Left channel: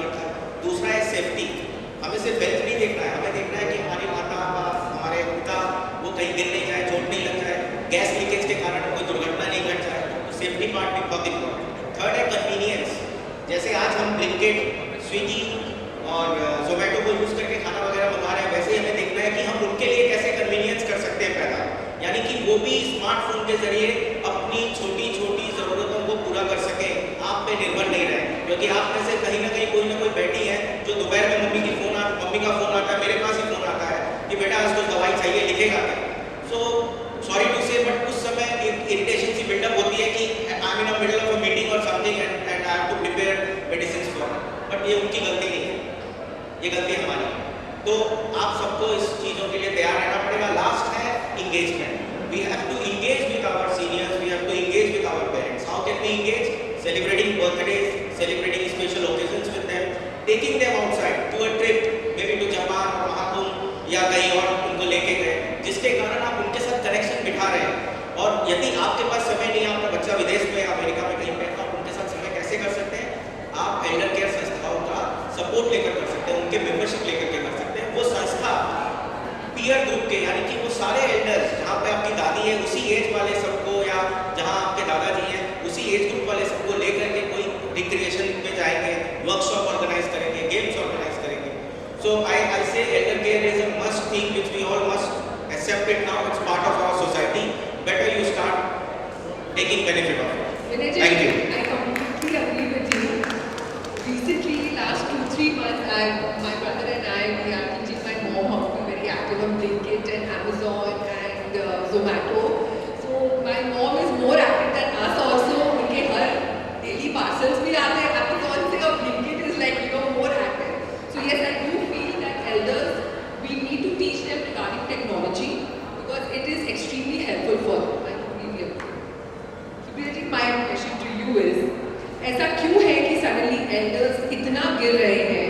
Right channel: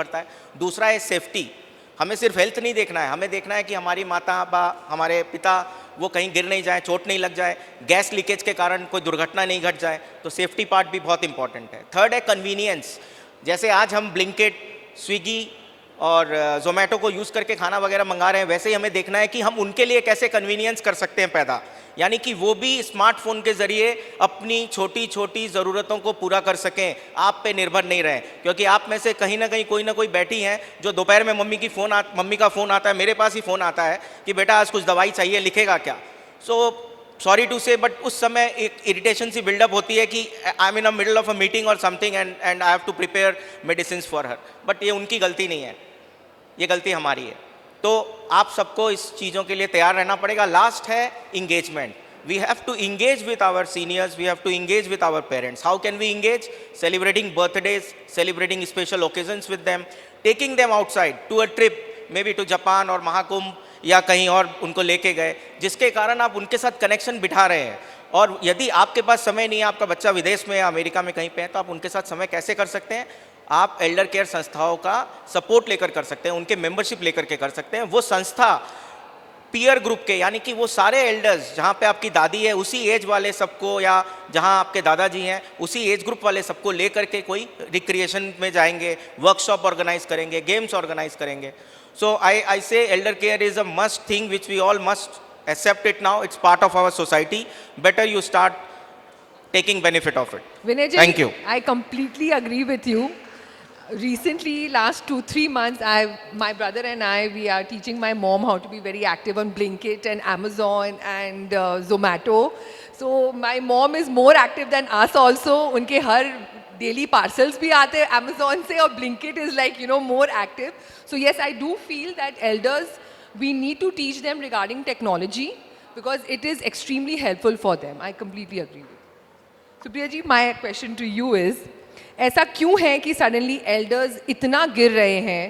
पड़ता है। दूसरा है सेफ्टी। हमें सिर्फ हेल्थ नहीं देखना है, हमें देखना है कि हमारी माता बाप, हमारे पिता, वो कहीं गिर नहीं जाए, चोट नहीं लग जाए, गैस लीकेज के कारण कोई दुर्घटना नहीं घट जाए। तो सेफ्टी पार्ट भी बहुत इंपॉर्टेंट है। थर्ड है कन्वीनियंस। जैसे आज हम ब्लिंकिट, स्विगी और जोमेटो को यूज़ करके खाना वगैरह मंगा रहे हैं, वैसे ही हमें देखना है कि हम उनके लिए कैसे कन्वीनियंस कर सकते हैं पैदा, यानी कि वो भी स्मार्टफोन के ज़रिए अपनी छोटी छोटी ज़रूरतों को पूरा कर सकें, आप पे निर्भर नहीं रहें। क्योंकि आप में से कहीं ना कहीं कोई ना कोई बैठी है जो दोपहर में मम्मी का फ़ोन आता है, मेरे पास ही फ़ोन आता है कि बेटा आज कुछ दवाई चाहिए, लिखेगा क्या। So sorry to say, but उस समय एक इरिटेशन सी बिल्डअप होती है कि I am in a middle of a meeting और something and I have to prepare medicine for her. But ये उनकी गलती नहीं है, ये गलती हमारी है। तो आप सबको इस चीज़ों के लिए तैयार रहना पड़ेगा। लास्ट है engagement. We have to engage with our seniors, we have to engage with our parents. How can we engage? Celebrating birthdays, celebrating special occasions with them, taking them outside to a trip, maybe to Japan और महाकुंभ या कहीं और उनको लेके गए, जिसके कारण आप उनके साथ कनेक्शन बिठा रहे हैं। और यदि आपके पास समय नहीं है, आपका बच्चा विदेश में या अमेरिका में कहीं पे है, तो आप उनके साथ समय कैसे कर सकते हैं? आप एल्डर केयर संस्थाओं का सपोर्ट लेकर कर सकते हैं, उनके मेंबरशिप लेकर के कर सकते हैं। वो संस्था पीयर ग्रुप के, यानी कि वो सारे एल्डर्स, जहाँ पे आपकी दादी है उसी एज वाले सबको, या जहाँ आपके दादाजी हैं उसी एज ग्रुप वाले सबको लेकर के कोई रिक्रिएशन में जाएंगे, वर्कशॉप ऑर्गेनाइज करेंगे, गेम्स ऑर्गेनाइज करेंगे। So I say elder care is a must thing which we all must accept it now. It's part of our society. Better you start taking benefit of it. Vinay ji, Thank you. I completely agree with you. Recently, last 2-3 months, my brother and I, we are teaching my mom how to be very active on Blinkit and Amazon and Zomato. So my mom is more active than us also. उनके हर daily parcels भी आते हैं Amazon से, और Blinkit is like, you know, more active. So yes, I do feel that elders, we need to teach them regarding technology because it is extremely helpful for them. I completely agree. Supriya ji, my question to you is, ऐसा क्यों है कि suddenly elders इतना गिर रहे हैं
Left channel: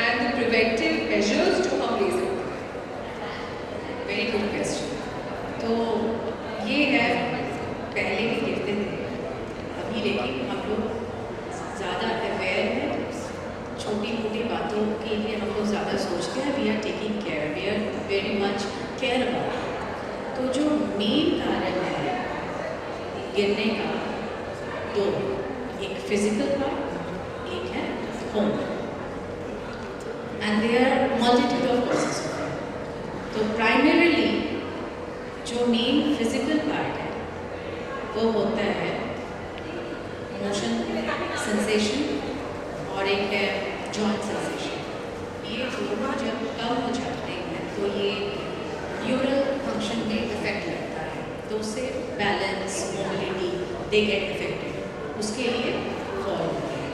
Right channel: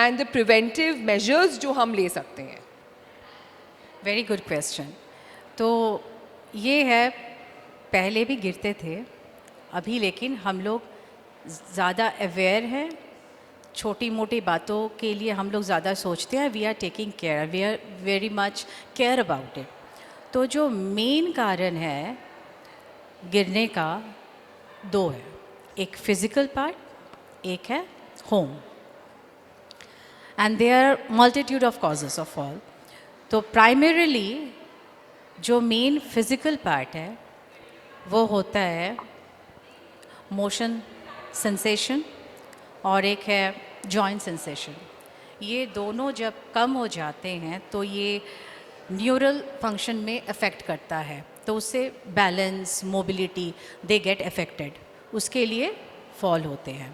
and the preventive measures जो हम ले सकते हैं? Very good question. तो ये है, पहले भी गिरते थे अभी, लेकिन हम लोग ज़्यादा अवेयर हैं, छोटी मोटी बातों के लिए हम लोग ज़्यादा सोचते हैं। We are taking care, we are very much care about. तो जो मेन कारण है गिरने का, दो है, एक फिज़िकल पार्ट, एक है home, and there are multitude of causes of fall. तो प्राइमरीली जो मेन फिज़िकल पार्ट है वो होता है मोशन सेंसेशन, और एक है जॉइंट सेंसेशन। ये दोनों जब कम हो जाते हैं तो ये न्यूरल फंक्शन में अफेक्ट करता है, तो उससे balance, mobility, they get affected, उसके लिए फॉल होते हैं।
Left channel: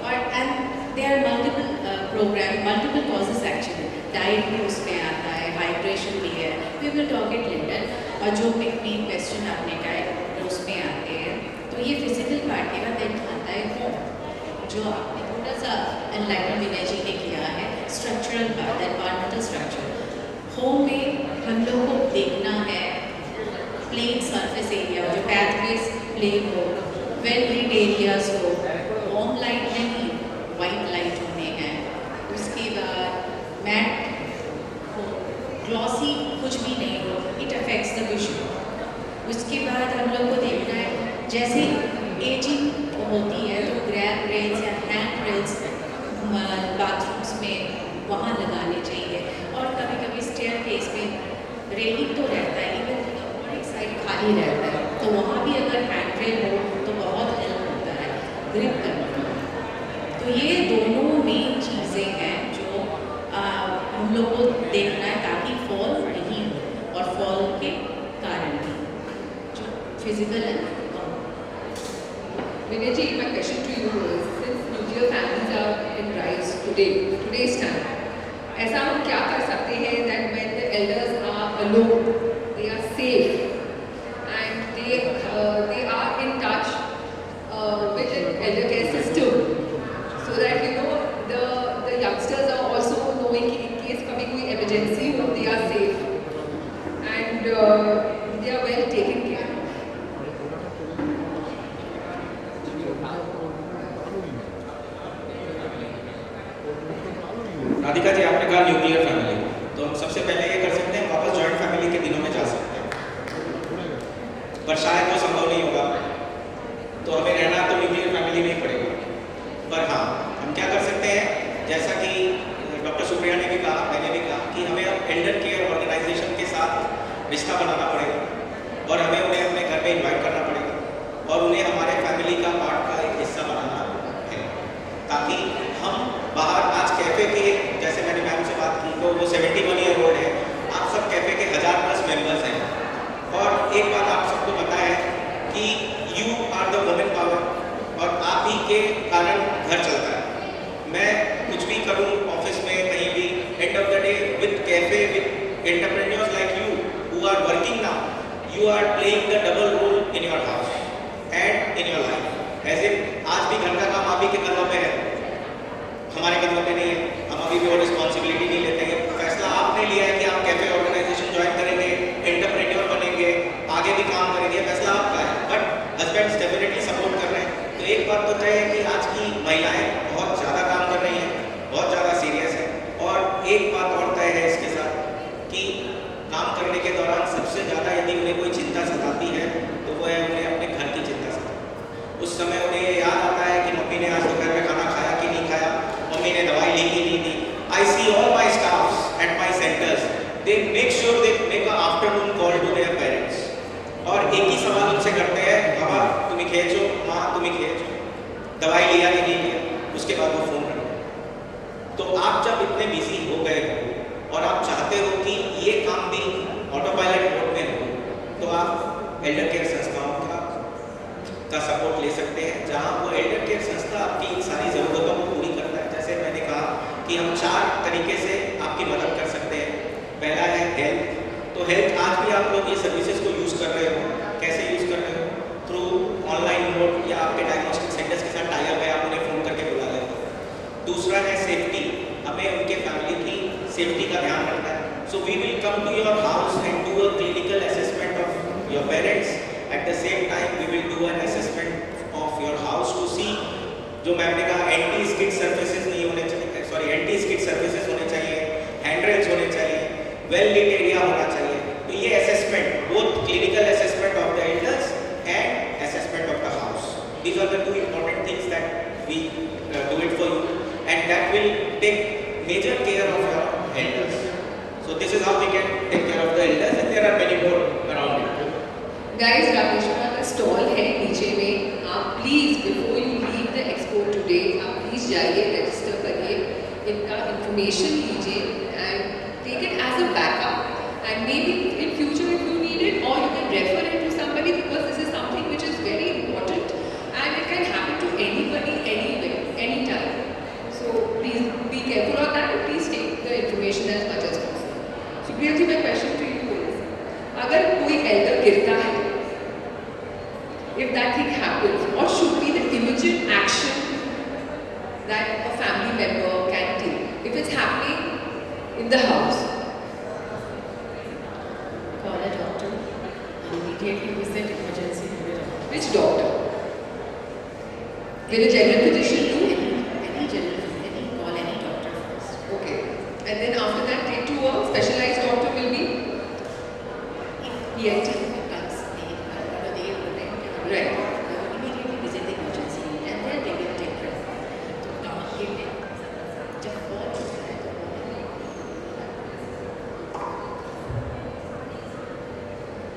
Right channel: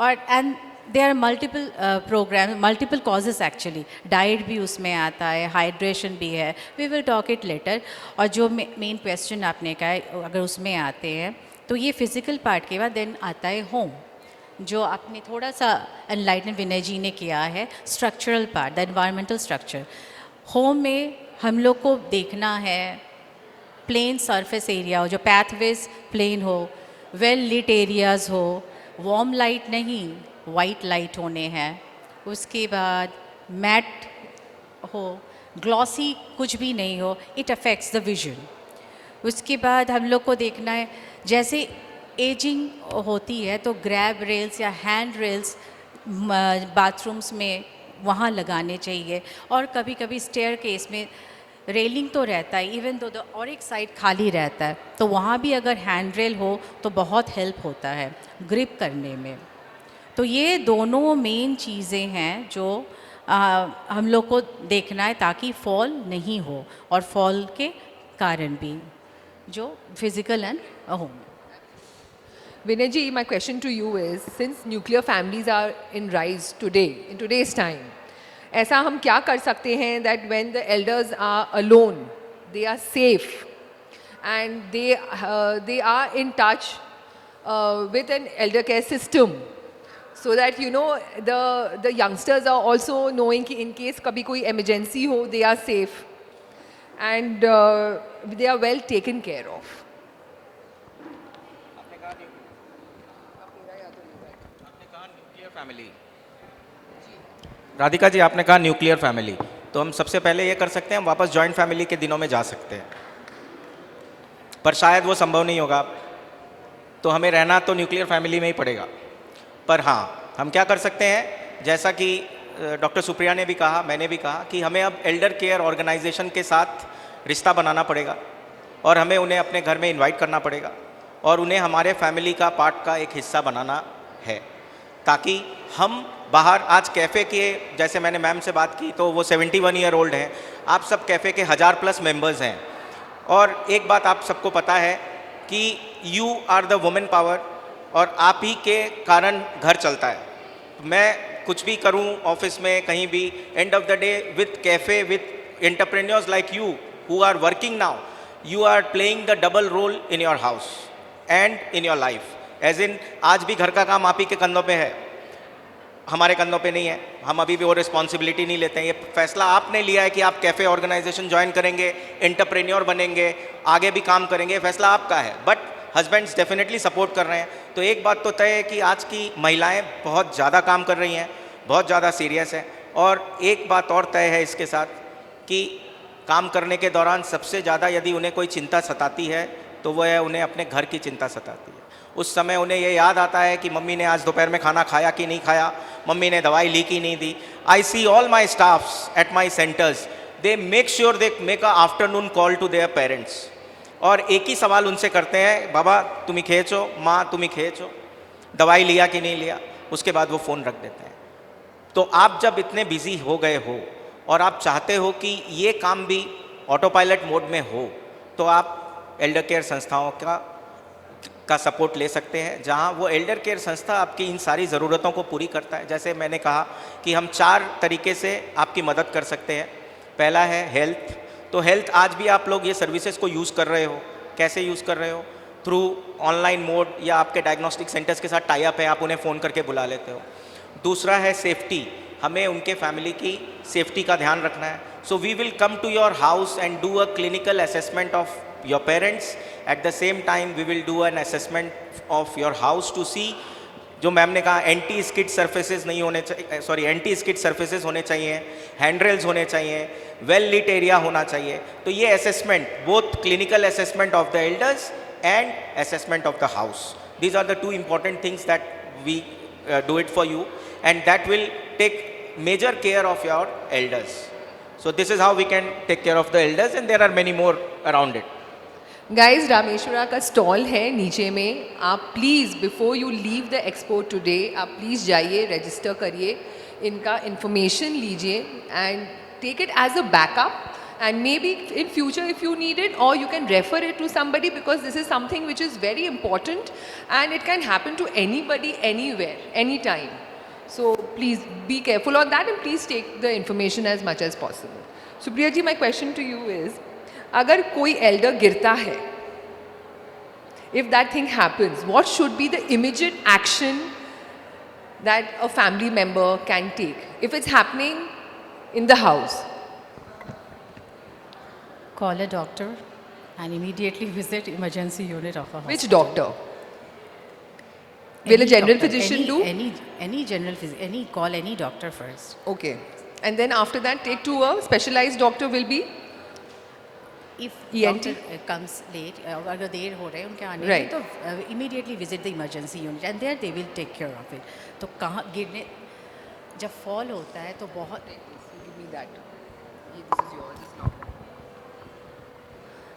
और and there are multiple causes actually. Diet भी उसमें आता है, हाइड्रेशन भी है, we will talk it later. और जो मेन क्वेश्चन आपने कहा, अगर उसमें आते हैं तो ये फिज़िकल पार्ट के बाद देन आता है होम, जो आपने थोड़ा सा एनलाइटन विनय जी ने किया है, structural part, environmental structure. Home में हम लोग को देखना है प्लेन सरफेस एरिया हो, जो पैथवेज प्लेन हो, वेल लिट एरियाज हो, वार्म लाइट नहीं, वाइट लाइट होने हैं। उसके बाद मैट हो, ग्लॉसी कुछ भी नहीं हो, इट अफेक्ट्स द विजन। उसके बाद हम लोग को देखना है, जैसे एजिंग होती है तो ग्रैब रेल्स या हैंड रेल्स बाथरूम्स में वहाँ लगाने चाहिए। और कभी कभी स्टेयर केस में रेलिंग तो रहता है, इवन तो और एक साइड खाली रहता है, तो वहाँ भी अगर हैंड रेल हो तो बहुत हेल्प होता है ग्रिप करने में। तो ये दोनों मेन चीज़ें हैं जो हम लोग को देखना है, ताकि फॉल नहीं हो, और फॉल के कारण भी जो physical and Vinay ji, my question to you is, since nuclear families are in rise today's time, ऐसा हम क्या कर सकते हैं that when the elders are alone, they are safe and they are in touch with an elder care system, so that you know the youngsters are also knowing कि in case कभी कोई emergency हो, they are safe and they are well taken care of. Radhika ji, आपने कहा nuclear family, तो हम सबसे पहले ये कर सकते हैं, वापस जॉइंट फैमिली के दिनों में जा सकते हैं, पर शायद वो संभव नहीं होगा, तो हमें रहना तो न्यूक्लियर फैमिली में ही पड़ेगा। पर हाँ, हम क्या कर सकते हैं, जैसा कि डॉक्टर सुप्रिया ने भी कहा, मैंने भी कहा कि हमें अब एल्डर केयर ऑर्गेनाइजेशन के साथ रिश्ता बनाना पड़ेगा और हमें उन्हें अपने घर में इनवाइट करना पड़ेगा और उन्हें हमारे फैमिली का पार्ट का एक हिस्सा बनाना है, ताकि हम बाहर आज कैफ़े के, जैसे मैंने मैम से बात की तो वो 71 ईयर ओल्ड हैं, आप सब कैफ़े के 1000+ मेंबर्स हैं और एक बात आप सबको पता है कि you are the women power और आप ही के कारण घर चलता है। मैं कुछ भी करूं ऑफिस में कहीं भी, end of the day with cafe with entrepreneurs like you who are working now, you are playing the double role in your house and in your life. As in आज भी घर का काम आप ही के कंधों पे है, हमारे कंधों पे नहीं है, हम अभी भी वो रिस्पॉन्सिबिलिटी नहीं लेते। ये फैसला आपने लिया है कि आप कैफ़े ऑर्गेनाइजेशन ज्वाइन करेंगे, एंटरप्रेन्योर बनेंगे, आगे भी काम करेंगे, फैसला आपका है, बट हस्बैंड्स डेफिनेटली सपोर्ट कर रहे हैं। तो एक बात तो तय है कि आज की महिलाएं बहुत ज़्यादा काम कर रही हैं, बहुत ज़्यादा सीरियस हैं, और एक बात और तय है इसके साथ कि काम करने के दौरान सबसे ज़्यादा यदि उन्हें कोई चिंता सताती है तो वह है उन्हें अपने घर की चिंता सताती है। उस समय उन्हें ये याद आता है कि मम्मी ने आज दोपहर में खाना खाया कि नहीं खाया, मम्मी ने दवाई ली कि नहीं दी। I see all my staffs at my centres, they make sure they make a afternoon call to their parents, और एक ही सवाल उनसे करते हैं, बाबा तुम ही खेचो, माँ तुम ही खेचो, दवाई लिया कि नहीं लिया, उसके बाद वो फ़ोन रख देते हैं। तो आप जब इतने बिजी हो गए हो और आप चाहते हो कि ये काम भी ऑटो पायलट मोड में हो, तो आप एल्डर केयर संस्थाओं का सपोर्ट ले सकते हैं, जहां वो एल्डर केयर संस्था आपकी इन सारी ज़रूरतों को पूरी करता है। जैसे मैंने कहा कि हम 4 तरीके से आपकी मदद कर सकते हैं। पहला है हेल्थ, तो हेल्थ आज भी आप लोग ये सर्विसेज को यूज़ कर रहे हो, कैसे यूज़ कर रहे हो, थ्रू ऑनलाइन मोड या आपके डायग्नोस्टिक सेंटर्स के साथ टाई अप है, आप उन्हें फ़ोन करके बुला लेते हो। दूसरा है सेफ्टी, हमें उनके फैमिली की सेफ्टी का ध्यान रखना है। So we will come to your house and do a clinical assessment of your parents, at the same time we will do an assessment of your house to see, जो ma'am ने कहा anti skid surfaces नहीं होने चाहिए, sorry anti skid surfaces होने चाहिए, hand-rails होने चाहिए, वेल लीट एरिया होना चाहिए। तो ये assessment, both clinical assessment of the elders and assessment of the house, these are the 2 important things that we do it for you, and that will take major care of your elders. So this is how we can take care of the elders, and there are many more around it. Guys, Rameshwara का stall है नीचे में, आप please before you leave the expo today आप please जाइए, register करिए, इनका information लीजिए and take it as a backup, and maybe in future if you need it, or you can refer it to somebody, because this is something which is very important and it can happen to anybody, anywhere, anytime. So please be careful of that and please take the information as much as possible. Supriya ji, my question to you is, अगर कोई elder गिरता है, if that thing happens, what should be the immediate action that a family member can take if it's happening in the house? Call a doctor and immediately visit emergency unit of our Which doctor? Will a general physician do? Any general physician, call any doctor first. Okay. And then after that take to a specialized doctor will be? If ENT? doctor comes late, अगर देर हो रहे हैं क्या आने Right. तो immediately visit the emergency unit and there they will take care of it. तो कहाँ गिरने, जब fall होता है तो बहुत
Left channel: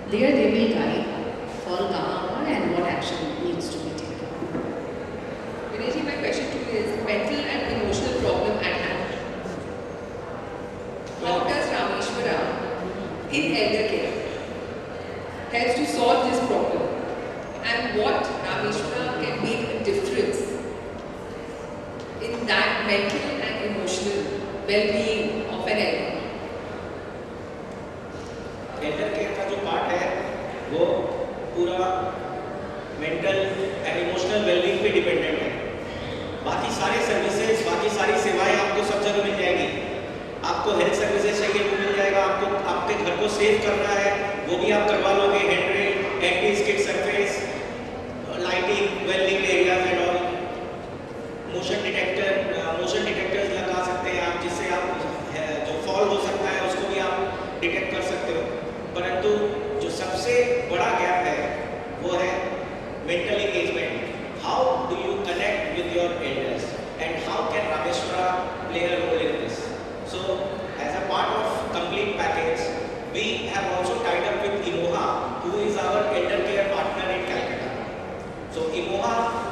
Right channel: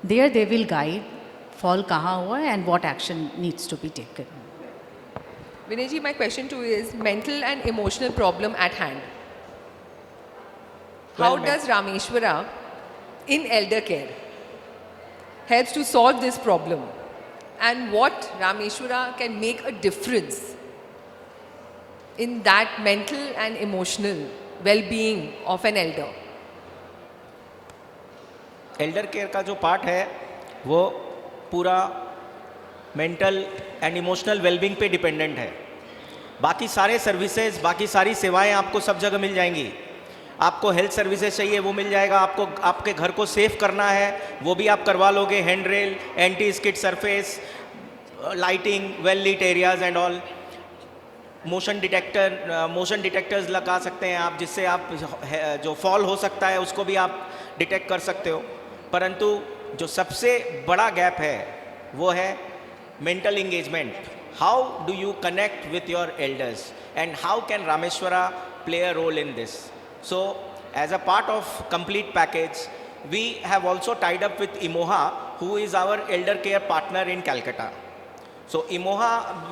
there they will guide fall कहाँ हुआ and what action needs to be taken. Vinay ji, my question to you is mental and emotional problem at hand. How does Rameshwara in elder care helps to solve this problem, and what Rameshwara can make a difference in that mental and emotional well-being of an elder? Elder care का जो part है वो पूरा mental and emotional wellbeing पे dependent है। बाकी सारे services, बाकी सारी सेवाएं आपको सब जगह मिल जाएंगी। आपको हेल्थ सर्विसेज चाहिए वो मिल जाएगा, आपको आपके घर को सेफ करना है वो भी आप करवा लोगे, hand rail, anti skid surface, lighting, well lit areas and all. Motion detectors लगा सकते हैं आप, जिससे आप जो फॉल हो सकता है उसको भी आप डिटेक्ट कर सकते हो। परंतु जो सबसे बड़ा गैप है वो है mental engagement. How do you connect with your elders and how can Rameshwara play a role in this? So as a part of complete package we have also tied up with Imoha, who is our elder care partner in Calcutta. So Imoha,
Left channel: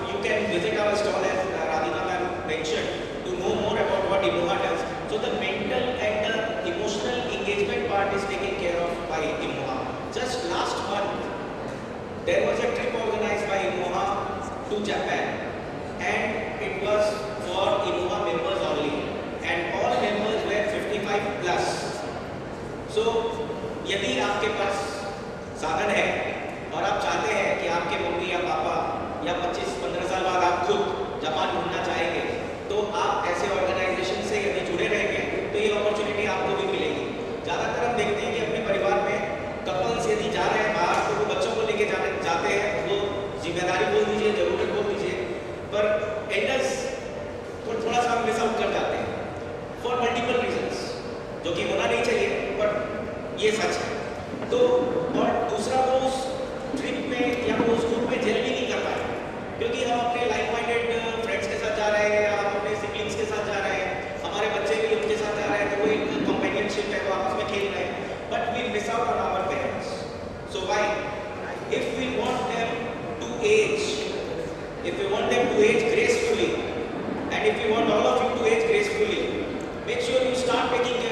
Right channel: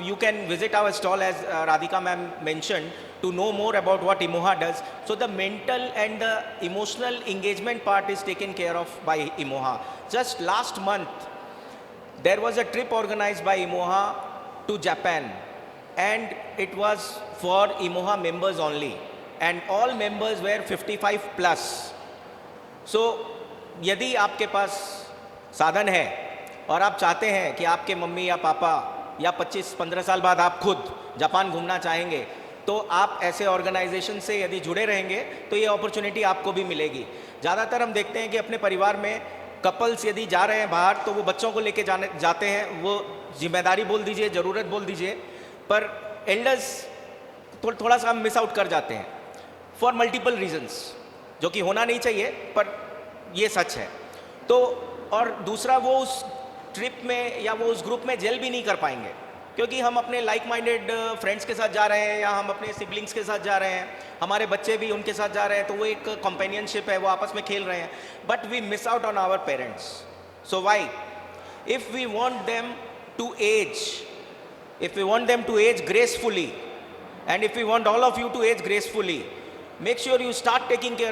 you can visit our stall as Radhika ma'am mentioned to know more about what Imoha does. So the mental and the emotional engagement part is taken care of by Imoha. Just last month, there was a trip organized by Imoha to Japan, and it was for Imoha members only, and all members were 55 plus. So यदि आपके पास साधन है और आप चाहते हैं कि आपके मम्मी या पापा या 25-15 साल बाद आप खुद जापान घूमना चाहेंगे, तो आप ऐसे ऑर्गेनाइजेशन से यदि जुड़े रहेंगे तो ये अपॉर्चुनिटी आपको भी मिलेगी। ज़्यादातर हम देखते हैं कि अपने परिवार में कपल्स यदि जा रहे हैं बाहर तो वो बच्चों को लेके जाते हैं, वो जिम्मेदारी बोल दीजिए, ज़रूरत बोल दीजिए, पर एल्डर्स थोड़ा सा मिस आउट कर जाते हैं फॉर मल्टीपल रीजंस, जो कि होना नहीं चाहिए, पर ये सच है। तो और दूसरा, वो उस ट्रिप में या वो उस ग्रुप में जेल भी नहीं कर पाएंगे, क्योंकि हम अपने लाइक माइंडेड फ्रेंड्स के साथ जा रहे हैं या हम अपने सिबलिंग्स के साथ जा रहे हैं, हमारे बच्चे भी उनके साथ जा रहे हैं, तो वो एक कंपेनियनशिप है, वो आपस में खेल रहे हैं, but we miss out on our parents. So why, if we want them to age gracefully, and if we want all of you to age gracefully, make sure you start taking care